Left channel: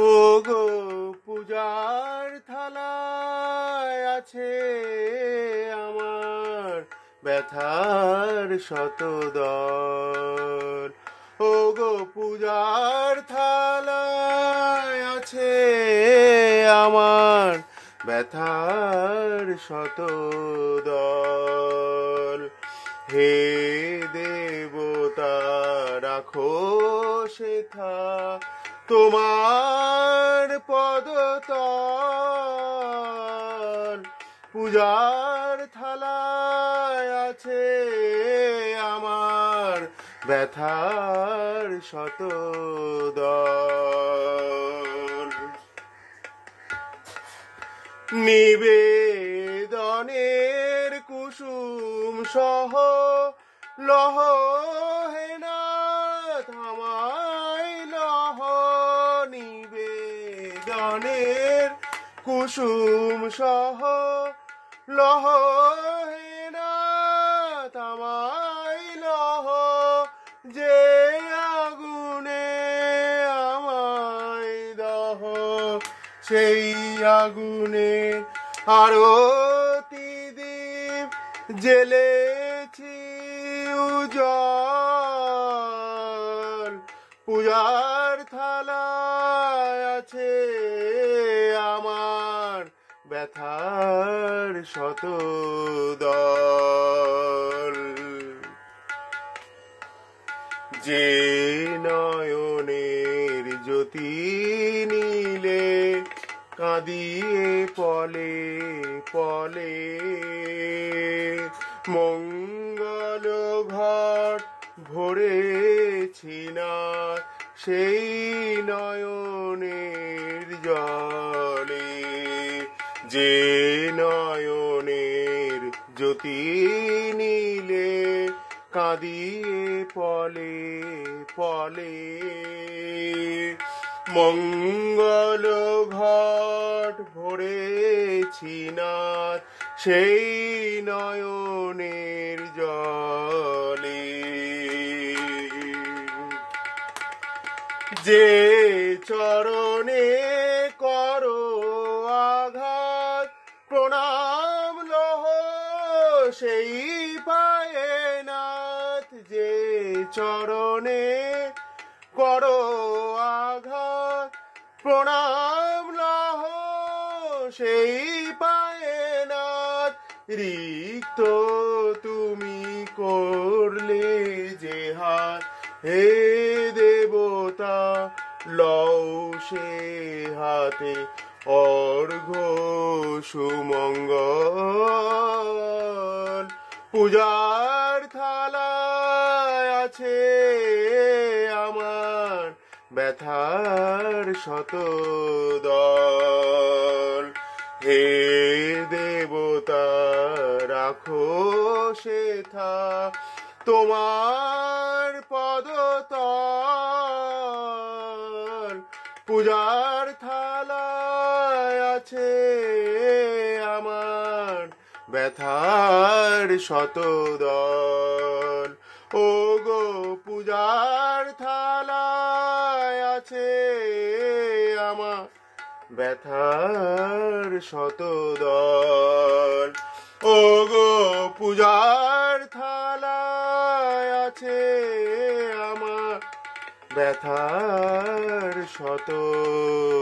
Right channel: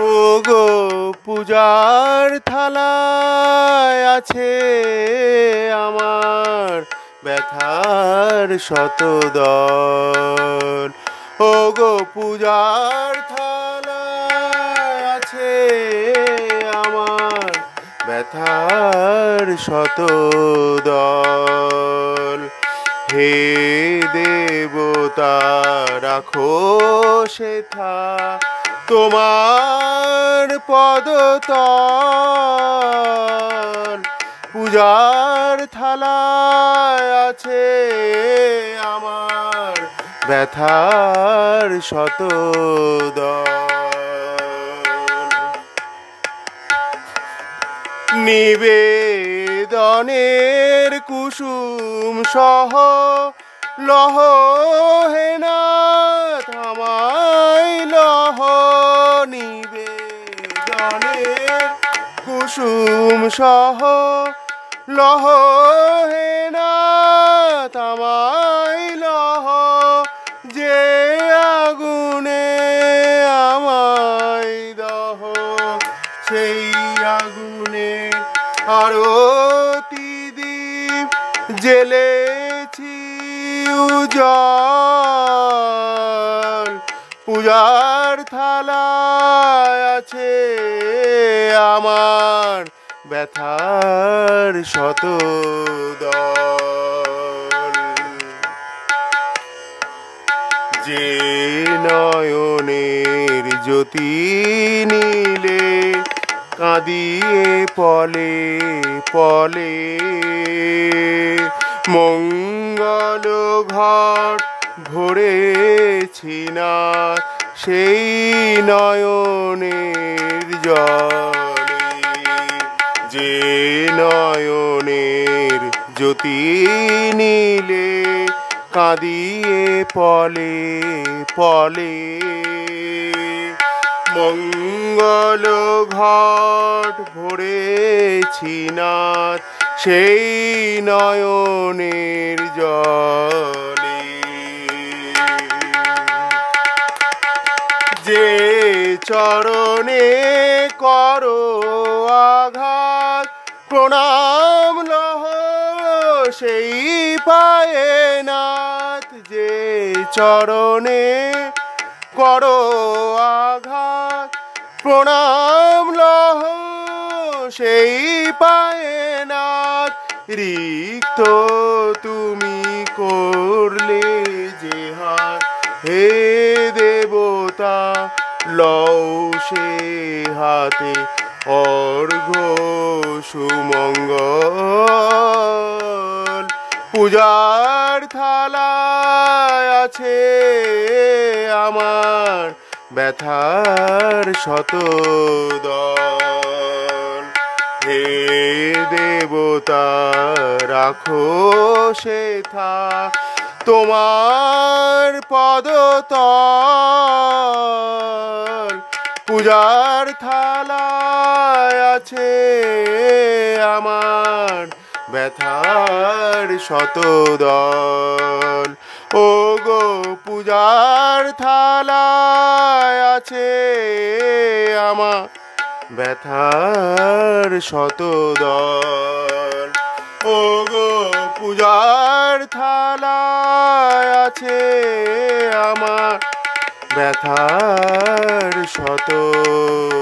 ও গো পূজার থালায় আছে আমার ব্যথার শতদল। ও গো পূজার থালায় আছে আমার ব্যথার শতদল। হে দেবতা রাখো সেথা তোমার পদতল। পূজার থালায় আছে আমার ব্যথার শতদল। নিবেদনের কুসুম সহ লহ হে নাথ আমায় লহ। নিবেদনের কুসুম সহ লহ হে নাথ আমায় লহ। যে আগুনে আমায় দহ সেই আগুনে আরতি দীপ জ্বেলেছি উজ্জ্বল। পূজার থালায় আছে আমার ব্যথার শতদল। যে নয়নের জ্যোতি নীলে কাঁদিয়ে পলে পলে মঙ্গল ঘট ভরেছি না সেই নয়নের জলে। যে নয়নের জ্যোতি নীলে কাঁদিয়ে পলে পলে মঙ্গল ঘট ভরেছি না সেই নয়নের জলে। যে চরণে করো আঘাত প্রণাম লহ সেই পায়ে নাথ। যে চরণে করো আঘাত প্রণাম লহ সেই পায়ে নাথ। রিক্ত তুমি করলে যে হাত হে দেবতা লও সে হাতে অর্ঘ্য সুমঙ্গল। পূজার থালায় আছে আমার ব্যথার শতদল। হে দেবতা রাখো সেথা তোমার পদতল। পূজার থালায় আছে আমার ব্যথার শতদল। ও গো পূজার থালায় আছে আমার ব্যথার শতদল। ও গো পূজার থালায় আছে আমার ব্যথার শতদল।